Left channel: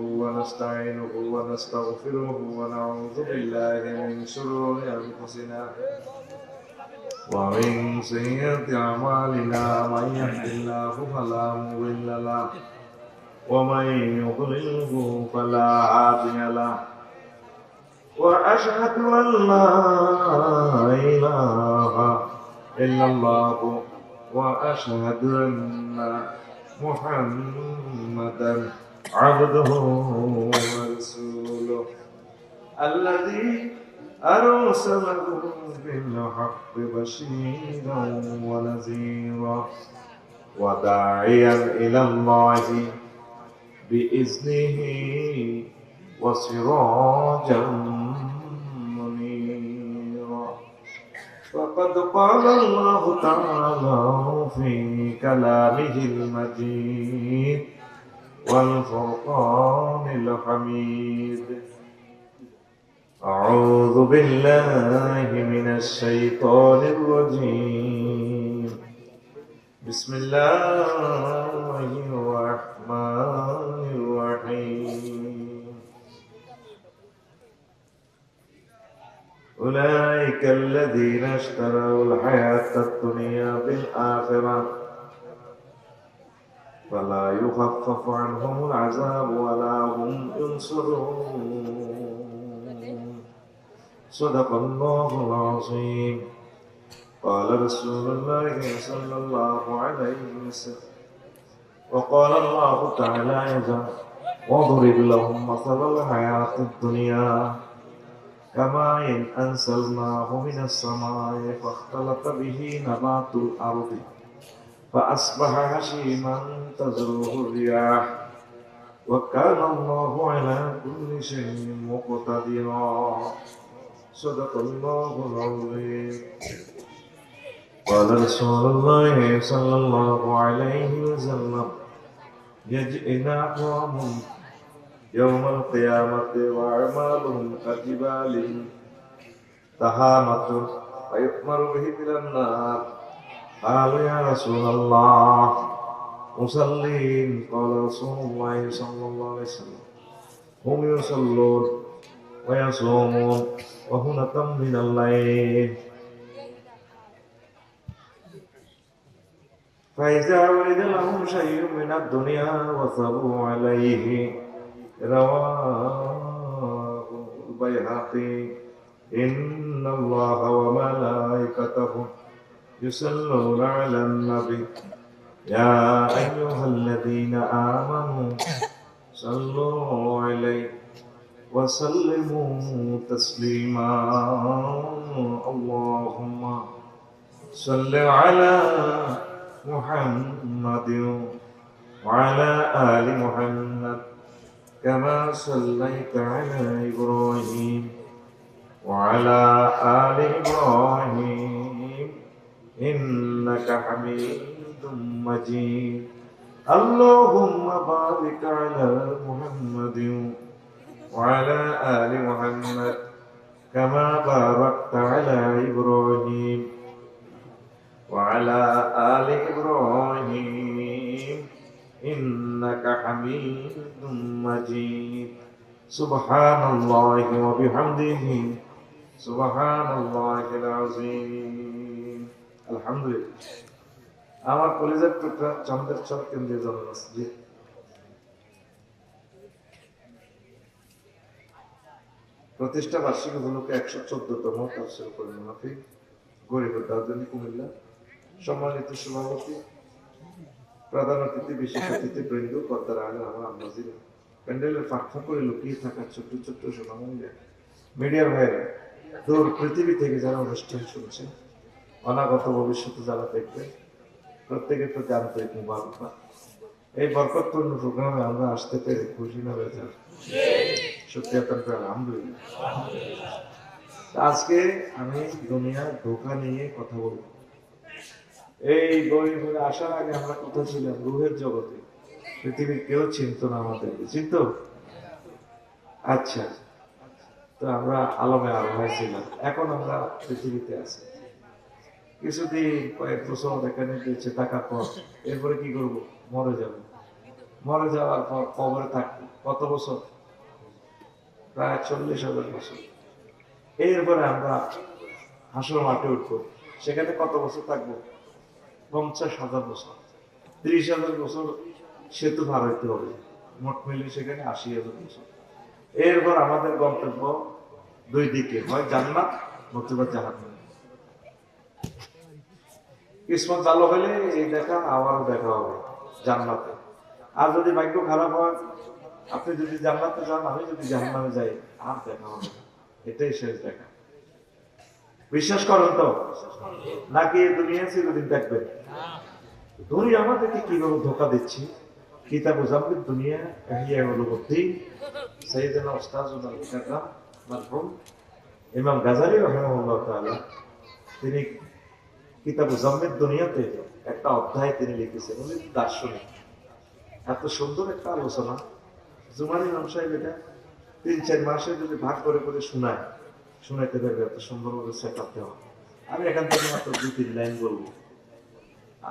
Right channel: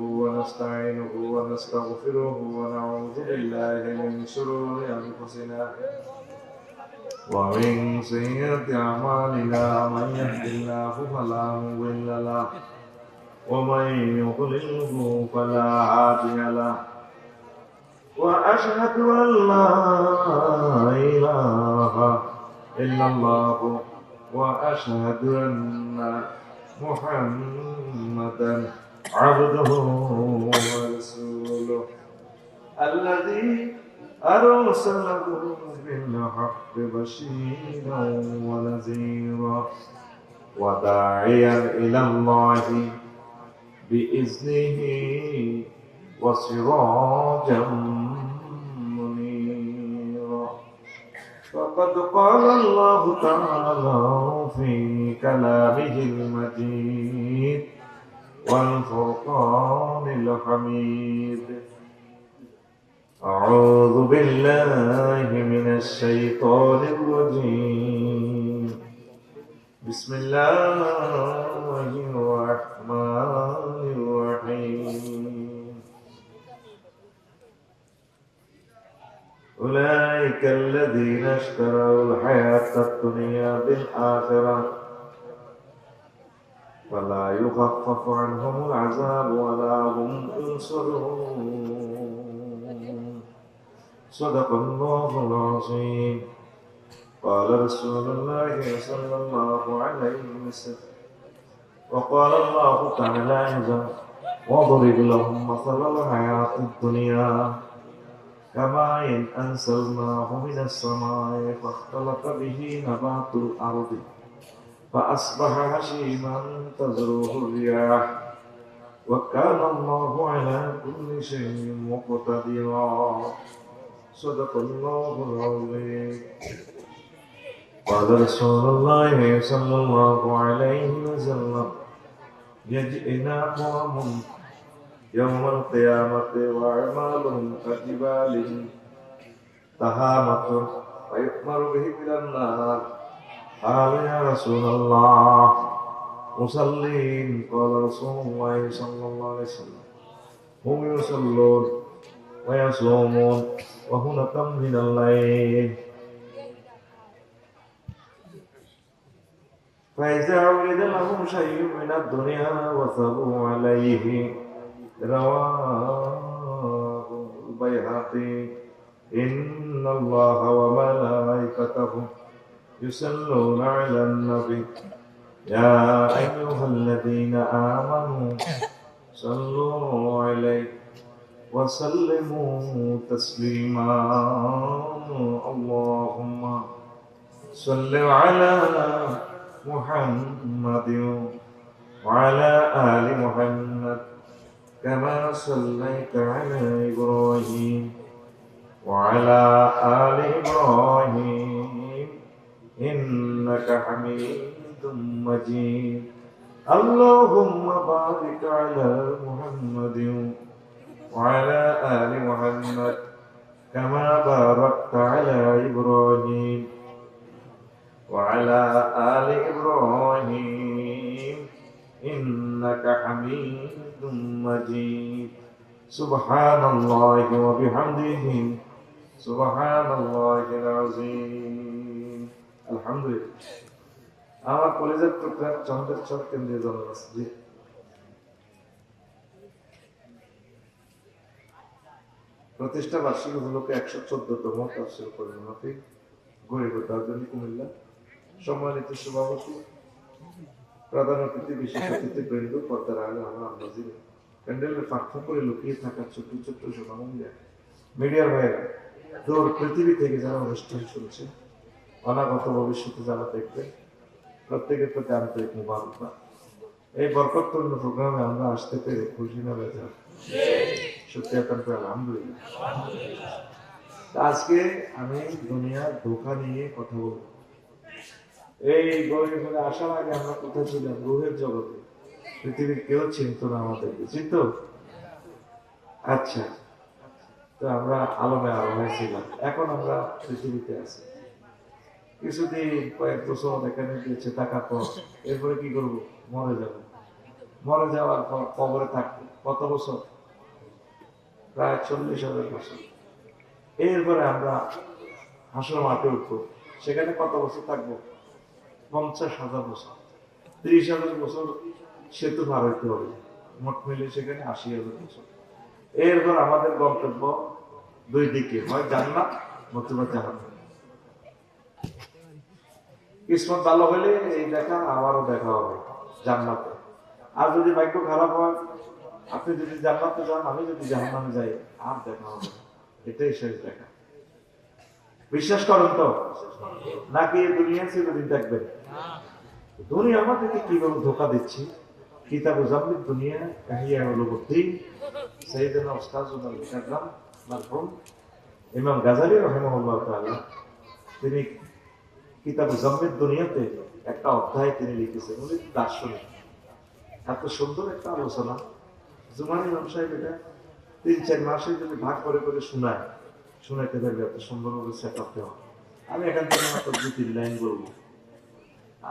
ونستعينه ونستغفره ونعوذ بالله من شرور أنفسنا ومن سيئات أعمالنا من يهد الله فلا مضل له ومن يضلله فلا هادي له وأشهد أن لا إله إلا الله وأشهد أن محمدا عبده ورسوله الذي أرسله بالحق بشيرا ونذيرا وداعيا إلى الله بإذنه وسراجا منيرا فقد قال الله تعالى في كلامه المجيد والفرقان الحميد أعوذ بالله من الشيطان الرجيم بسم الله الرحمن الرحيم أولئك الذين اشتروا الحياة الدنيا بالآخرة فلا يخفف عنهم العذاب ولا هم ينصرون صدق الله العظيم قال رسول الله صلى الله عليه وسلم وقال الله تعالى أيضا واضرب لهم مثل الحياة الدنيا كماء أنزلناه من السماء فاختلط به نبات الأرض فأصبح هشيما تذروه الرياح وكان الله على كل شيء مقتدرا صدق الله العظيم قال رسول الله صلى الله عليه وسلم يجئنا قوم يوم القيامة وأعمالهم كجبال تهامة فيؤمر به إلى النار قالوا يا رسول الله مصلين قال رسول الله صلى الله عليه وسلم هم يصلون ويصومون وهنة من الليل فإذا ولد لهم شيء من الدنيا وثبوا عليه رواه البيهقي إن الله وملائكته يصلون على النبي يا أيها الذين آمنوا صلوا عليه وسلموا تسليما اللهم صل على محمد وعلى آل محمد كما صليت على إبراهيم وعلى آل إبراهيم إنك حميد مجيد اللهم بارك على محمد وعلى آل محمد كما باركت على إبراهيم وعلى آل إبراهيم إنك حميد مجيد سبحان الله وبحمده سبحان الله العظيم الحمد لله আমার কলেজের টুকরা চন্দ্রেশ্বর কেন্দ্রীয় জামে মসজিদ প্রতিষ্ঠা বার্ষিকী উপলক্ষে 114তম তাফসীর কোরআন মাহফিল গরিব দার্জিলিং কুমিল্লা সম্মানিত সভাপতি প্রধান অতিথি বিশেষ অতিথি বৃন্দ পর্দার আগে আমার আন্দাজি প্যান্ডেলের ফাঁক করে লুকিয়ে থাকা ছোট্ট ছোট্ট সোনামণিরা মিডিয়ার ভাইরা দূর পৃথিবী থেকে যারা অনুষ্ঠান শুনছেন অনাগত ভবিষ্যতে যারা দেখবেন প্রত্যেকের প্রতি আন্তরিক মুবারকবাদ এই বরকতপূর্ণ প্রোগ্রামে আমরা আসতে পেরে খুশি না বেজার সত্যি অত্যন্ত আলহামদুলিল্লাহ আজকে আমি দুনিয়ার ধোঁকা নিয়ে কথা বলবো এই গরিব করে আসার আগে আমরা কোথায় ছিলাম রুহের জগতে পৃথিবীর কেউ চিনত না আমাদেরকে চিনত আচ্ছা তো আমরা আলমে আলমায় ছিলাম এখন আমরা পৃথিবীতে আছি কিছুদিন কয়েক বছর এখানে দিয়েছে টাকার পর এরপরে কি করবো মরে যাব মরে যাওয়ার পর কবরে থাকবো কত বছর? প্রায় 40,000 বছর। এরপরে আমরা হাসর মাঠে উঠবো, সেখানে কত বছর থাকবো? 50,000 বছর। 30,000 বছর সেতু পার হইতে হবে, মোট মিলে সেখানে 80,000 বছর। এরপর আমাদের গন্তব্য দুই দিকে, হয় জান্নাত নতুবা জাহান্নাম। কিসমত ভালো হলে এই দেখা আবারও দেখা হবে জান্নাতে। আর যদি ভাগ্য খারাপ হয়, আপনি যদি জান্নাতে যান, আমি যদি জাহান্নামে যাই, আর দেখা হবে না। এটাই শেষ দেখা। বিশ্বাস করেন তো? নাকি দুনিয়া চিরদিন থাকবেন? দুনিয়া আমাদেরকে কিভাবে ধোকা দিচ্ছি। কিতাব জামিদ দুনিয়া ইহয়া উলুমুদ্দিন সাইয়েদনা উস্তাজুল মুকাররম মারহুম ইমাম গাজালি রাহিমাহুল্লাহ তাআলা, তিনি কিতাব জামিদ দুনিয়াতে একটা অধ্যায় তিনি লিখেছেন। উনি দার্শনিক, এত সুন্দর একটা আলোচনা। জুমার ইমাম সাহেব এটা 3-4 মাসে যদি ভাগ করে করে শোনাইতে পারবে, এত সুন্দরভাবে সেট আপ দেওয়া। আমি এখান থেকে মাত্র 2-3 লাইন বলবো।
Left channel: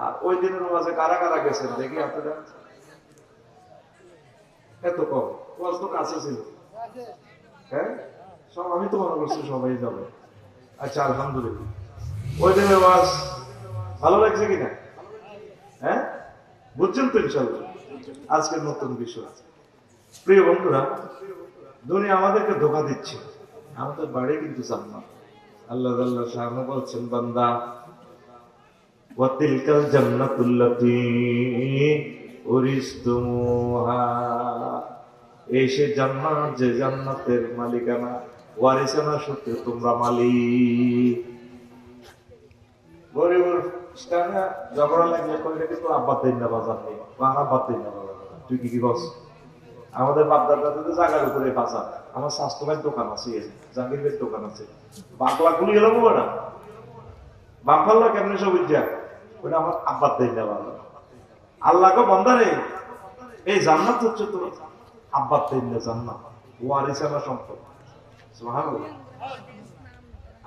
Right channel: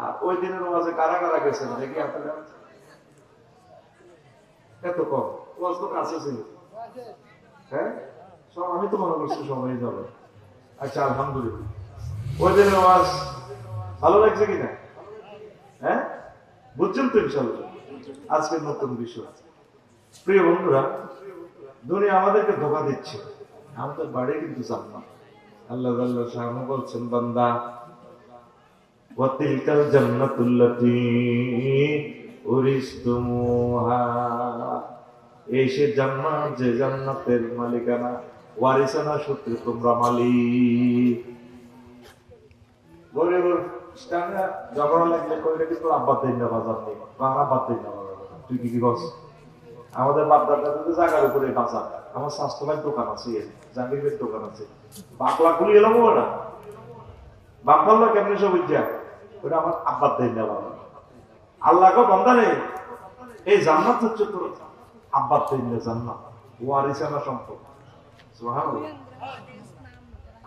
আর ওই দিনের ওয়াজে কারা কারা গেছেন দেখি আপনারা? এত কম, ওয়াজ তো কাছে ছিল। হ্যাঁ, সব আমি তো মনে করছি সবাই যাবে। আচ্ছা, আলহামদুলিল্লাহ। ওই দিনের ওয়াজ ভালো লাগছে কিনা? হ্যাঁ, বুঝছেন তো ইনশাআল্লাহ। আজকের নতুন বিষয়, প্রিয় বন্ধুরা, দুনিয়া আমাদেরকে ধোঁকা দিচ্ছে। আমাদের বাড়ি কিন্তু জান্নাত। আল্লাহ জাল্লা শাআনহু বলছেন, বান্দা ওয়া তিলকাল জান্নাতুল্লাতী উরিসতুমুহা, এই সে জান্নাত যে জান্নাতের মালিকানা, ওয়ারিসানা সূত্রে তোমরা মালিক। গরিব স্টানা ঝগড়া লাগলে কইলে কিন্তু আব্বা দেন না বাজার নেই, বাংলা বাদ দেন না বাজার। তুই কি বলছ? আমাদের বাপদাদা কিন্তু জায়গার উপরে বাজার। আমার স্বাস্থ্য ভাই দোকান আছে, জাহাঙ্গীর ভাইয়ের দোকান আছে। বাকলা গুলি এলো না, বাপাল্লা কেমন সব উজ্জা, ওটা আমার আব্বার দেন না বাজার। আল্লাহকে বন্ধা নেই, এই জান্নাত হচ্ছে তোর আব্বার দেন না জান্নাত, ওয়ারিসানা সম্পদ। সুবহানাল্লাহ।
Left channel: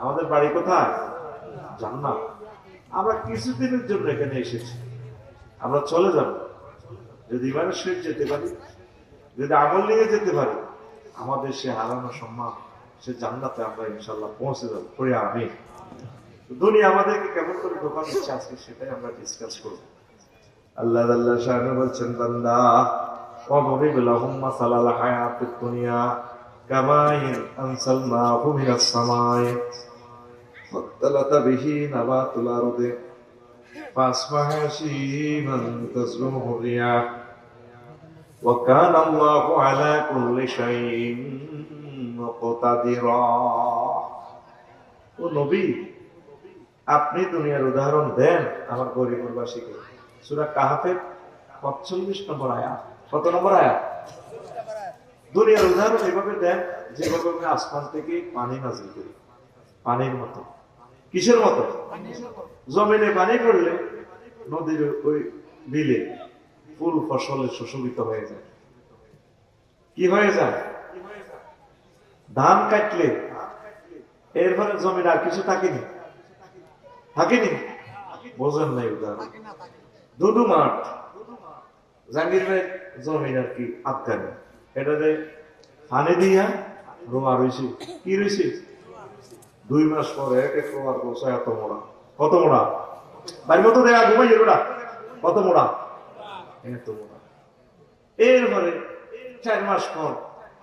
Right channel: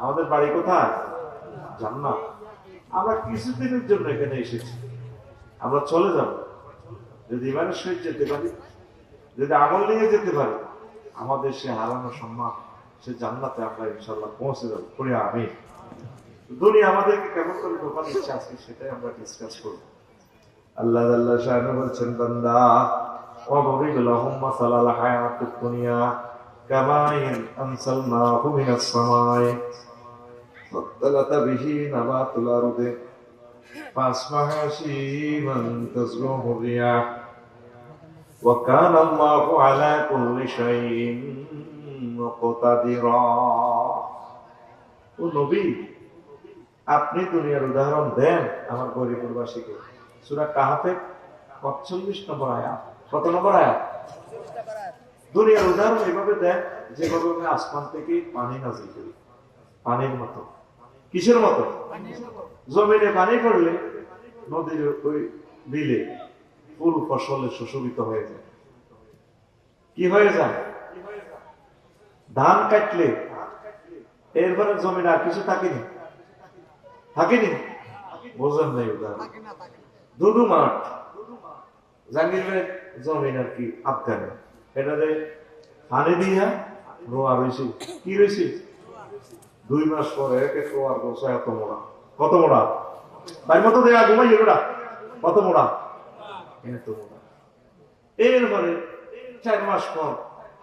আমাদের বাড়ি কোথায়? জান্নাত। আমরা কিছুদিনের জন্য এখানে এসেছি, আমরা চলে যাব। যদি ইমানের সহিত যেতে পারি, যদি আমল নিয়ে যেতে পারি, আমাদের সে হারানো সম্মান, সে জান্নাতে আমরা ইনশাল্লাহ পৌঁছে যাবো। পড়ে আমি দুনিয়া আমাদেরকে কেমন করে ধোঁকা দিচ্ছে, আজকে সেটাই আমরা ডিসকাস করব। আল্লাহ জাল্লা শাআনহু বলছেন, বান্দা ওয়াদরিব লাহুম মাসালাল হায়াতুদ দুনিয়া কামাইন আনসালনাহু মিনাস সামাই ফাতালাতা বিহি নাবাতুল আরদি ফাসবাহা হাশীমান তাজরুহু রিয়াহ ওয়া কানা আল্লাহু আলা কুল্লি শাইইন মুকতাদিরা। ও নবী, আপনি দুনিয়ার উদাহরণ দেন আমার গরিববাসীকে। সূরা কাহফের 45 নম্বর আয়াত। কত নম্বর আয়াত? দুনিয়ার উদাহরণ এভাবে দেন যেভাবে আমি আসমান থেকে পানি নাজিল করি, পানির মতো। কিসের মতো? জমিনে পানি পড়লে নদীর ওই বিলে ফুল ফসলে সুশোভিত হয়ে যায়। কি হয়ে যায়? ধান কাটলে এরপরে জমিনে আর কিছু থাকেনি, থাকেনি? বোঝেন নাই উদাহরণ। দুদু মাঠ, জাহাঙ্গীরের জমিন আর কি আফগানে, এটাতে পানি দিয়া রোয়া রয়েছে। কি রয়েছে? 2 মাস পরে এক এক রোয়ার গোসা এত মোড়া। কত মোড়া? বাড়ির মতো দেয়া ঘুমাই এলোটা। কত মোড়া? এত মোড়া। এরপরে 4 মাস পর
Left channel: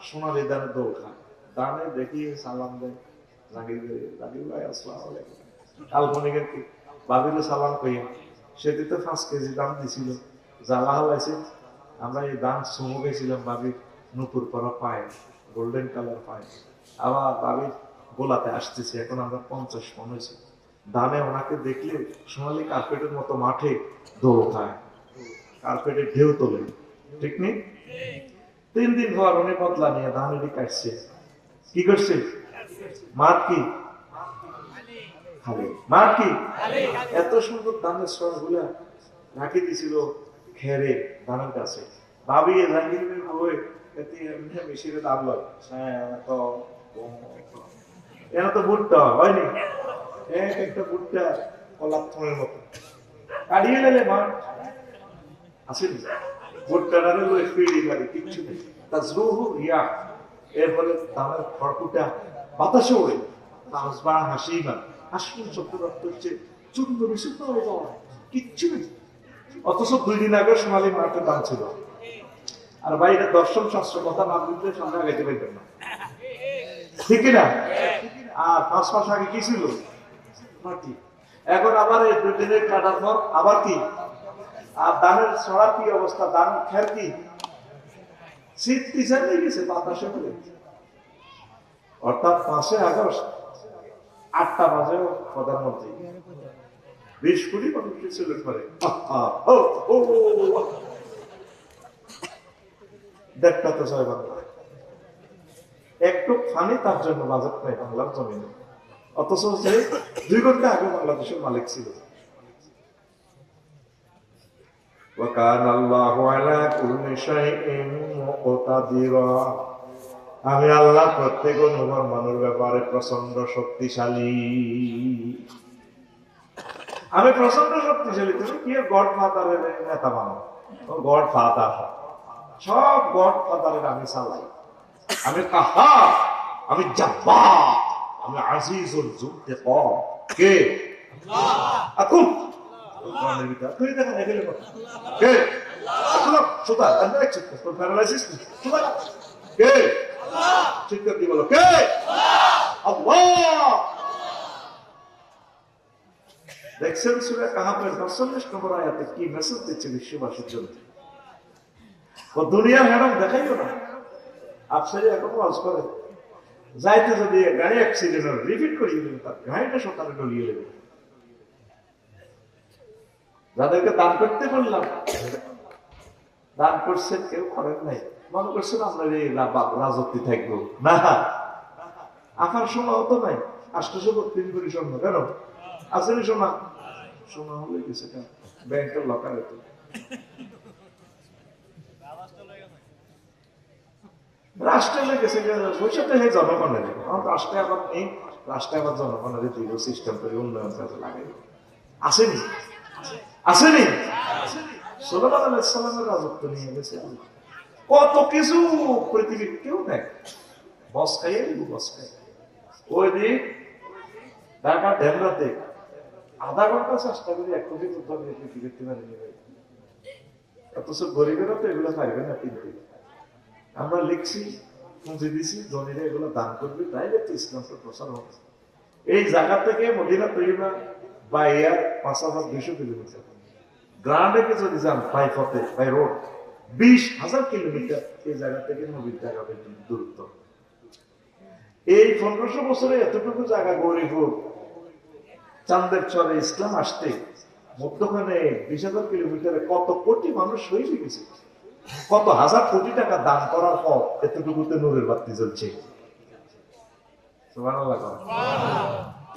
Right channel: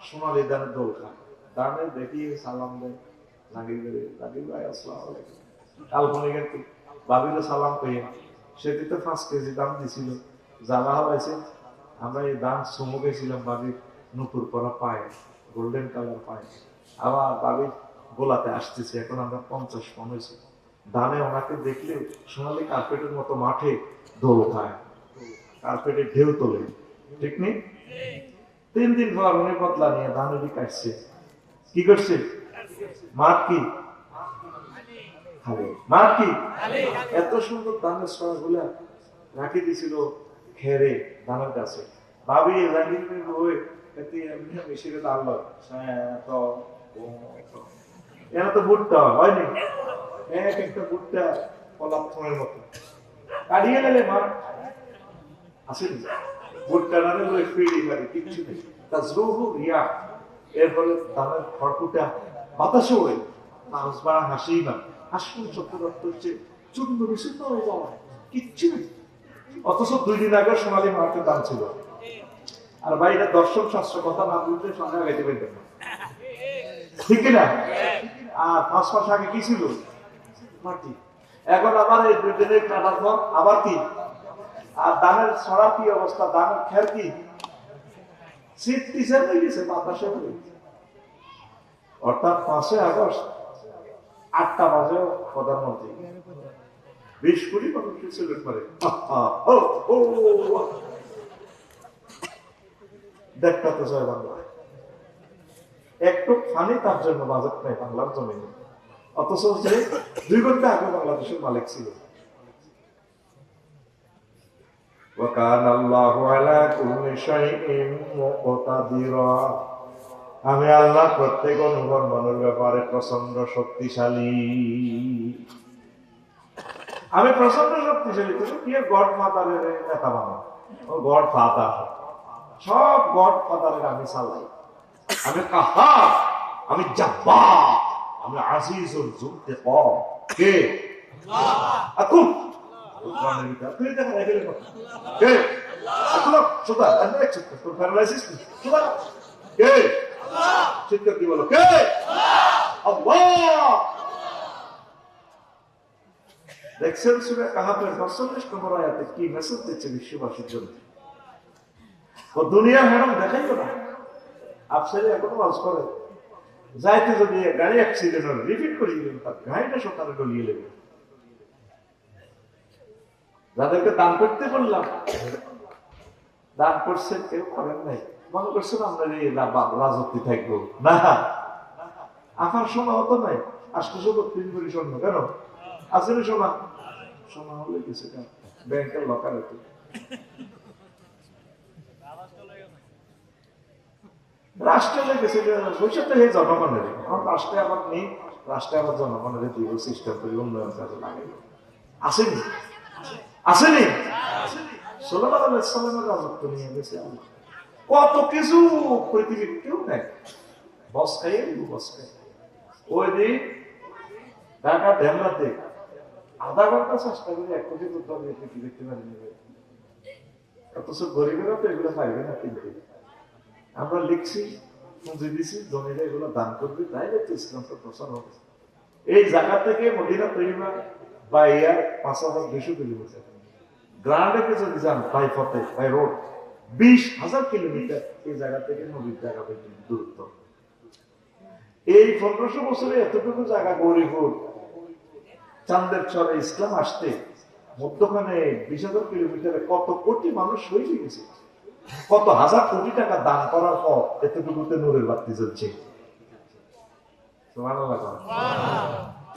সোনালি দানে দোল খায়। দানে দেখি সালাম দেয় জাহাঙ্গীর ভাই আসসালামু আলাইকুম। কাল্পনিকের কি ভাবিলে সালাম কইয়া, সেটি তো 5 কেজি দাম দিছিল। জ্বালা হালাইছে, আমরা এই দাম সুমো গেছিলাম ভাবির নুপুর করা পায়, গোল্ডেন কালার পায়। আবার ভাবির গোলাতে আসতেছে, এখন আমরা 50 মন হয়েছি। দানে ওনাকে দেখলে সোনালি কার্পেটের মতো মাঠে দোল খায়, কার্পেটে ঢেউ তোলে। ঠিক নেই? 3 দিন পর উনি বদলা নিয়ে ধানুরি কাটছে। কি করছে? মাঠ কি খালি, মাঠ কি এত সুন্দর ধানের সরা গুলা রাখি দিছিল খেরে ধানের কাছে। ভাবি মেশিনে দাঁড়ালো, এরা তো ভুট্টা হয়নি, এক একটা ভুট্টা কলাপথনের মতো কাটিয়ে নিলে মাঠ আসেনি। ভুট্টা নামে ওই ফিরি মারি কিচ্ছু নেই। তাজরুহু রিয়াহ, এর ফলে ধানের খড়কুটা বাতাসে ওড়ে, তাজবা হাসিমা, হাসিম শব্দের অর্থ হচ্ছে চূর্ণ বিশুদ্ধ হয়ে যাওয়া, কিচ্ছু নেই। অথচ 2 দিন আগে সোনালী মার্কেট দাম ছিল। আর ভাই এটা দর্শন শাস্ত্র কথা না বুঝলে সন্ধ্যা গাইতে পারবেন না, ঠিক না? আর 5 মাস আগে কি ছিল? মাটি। এখন আবার এই 2 দিনের কাটার পর আবার কি? আর ধানের ছড়ার কি অবস্থা, ধানের খের কি শীত পিছার হয়ে গেছে বাতাসে হলে। অর্থাৎ 5 আগস্ট 8টা বাজেও প্রধানমন্ত্রী 20 কোটি মানুষকে সিলেক্ট করে। দেখতে তো চায় বাংলা, একটু ফানি তার জন্য বাজেট নেই বাংলার জমিনে, অথচ যে 2 ঘন্টা আগে বাংলাদেশের মালিক ছিল। আমি আল্লাহ প্রত্যেক অনুকর্মের ব্যাপারে প্রচন্ড শক্তিশালী। আমি প্রচন্ড শক্তিশালী। তুমি কি গড ফাদারের নেতা মানো? গড ফাদার, সব গড ফাদারের আমি চালাই। আমি কাহার, আমি জাব্বার, আমি আজিজুল যুনতাকিম। কে? আকুম তুই দেখা নাই ফেলে কে? আল্লাহ সুদা আমি এক চিৎকার তোর প্যারালাইসিস সুদা কে? চিৎকার দিয়ে বলো কে? আল্লাহ। দেখছেন সূরা কাহাফের ৪৫ নম্বর আয়াতে কি মেসেজ দিচ্ছে বিশ্ববাসীর জন্য? দুনিয়ার ম্যাডাম দেখাইও না, আপসারি এখন ওয়াজ করে যাইতে যদি গাড়ি অ্যাক্সিডেন্ট হল রিপিট করিয়ে দেবেন, তার গাড়িটা সকালে ডলিয়ে দেবেন। যাদেরকে দান করতে বললাম দান করছেন, কেউ করেন নাই, মনে করছেন আমরা এই রাজত্বে থাকবো না। আঁকার সময় হতো নাই, ৮৩ কোটি স্বর্ণ কেন আসলে সোনা সোনা হলে কিছু ব্যাংকের লকার হতো। রাষ্ট্রে লেগেছে বৈশাখে হয়ে জনগণের, আমার রাষ্ট্রে আবার নেই, রাষ্ট্রে আবার জনগণের দিব সিস্টেম করে উন্নয়ন কাজে লাগে। আসেনি আসেনি সুলাইমান আলাইহিস সালামের রাজত্ব নিয়ে গেছে কত কিছু পৃথিবীর কেউ নেই, বস খাইয়ে দিব বস খাই। ওই দিন ঢাকা ঢেমরাতে আধা ঘন্টা চেষ্টা করে 1 কোটি উদ্যোগ নিয়ে পৃথিবীতে মানে নেবে, অথচ গরিবেরা তো এগুলো পাইবে না কিনতে। আমরা লিখছি পুঁজি দিছি জমিরে এগুলো দান করবে, তাইলে তো ইসলামটা প্রচার হবে। এই জায়গা থেকে মদিনা তৈবা বা এয়ার ৫,২০০ কিলোমিটার, গ্রান্ডে যদি যান বাই পথে বাই রোড 20,000 কিলোমিটার এই জায়গা থেকে নদীর জায়গা পর্যন্ত দূরত্ব। এই 1500 বছরে এতটুকু জায়গা গৌরীপুর চাঁদের চরে ইসলাম আসতে মধ্যখানে 20,000 কিলোমিটারে কত কোটি মানুষ হয়ে গেছে, কত হাজার কোটি টাকা দান করার পর এতটুকুতে নূরের বাতি জ্বলছে। সুবহানাল্লাহ।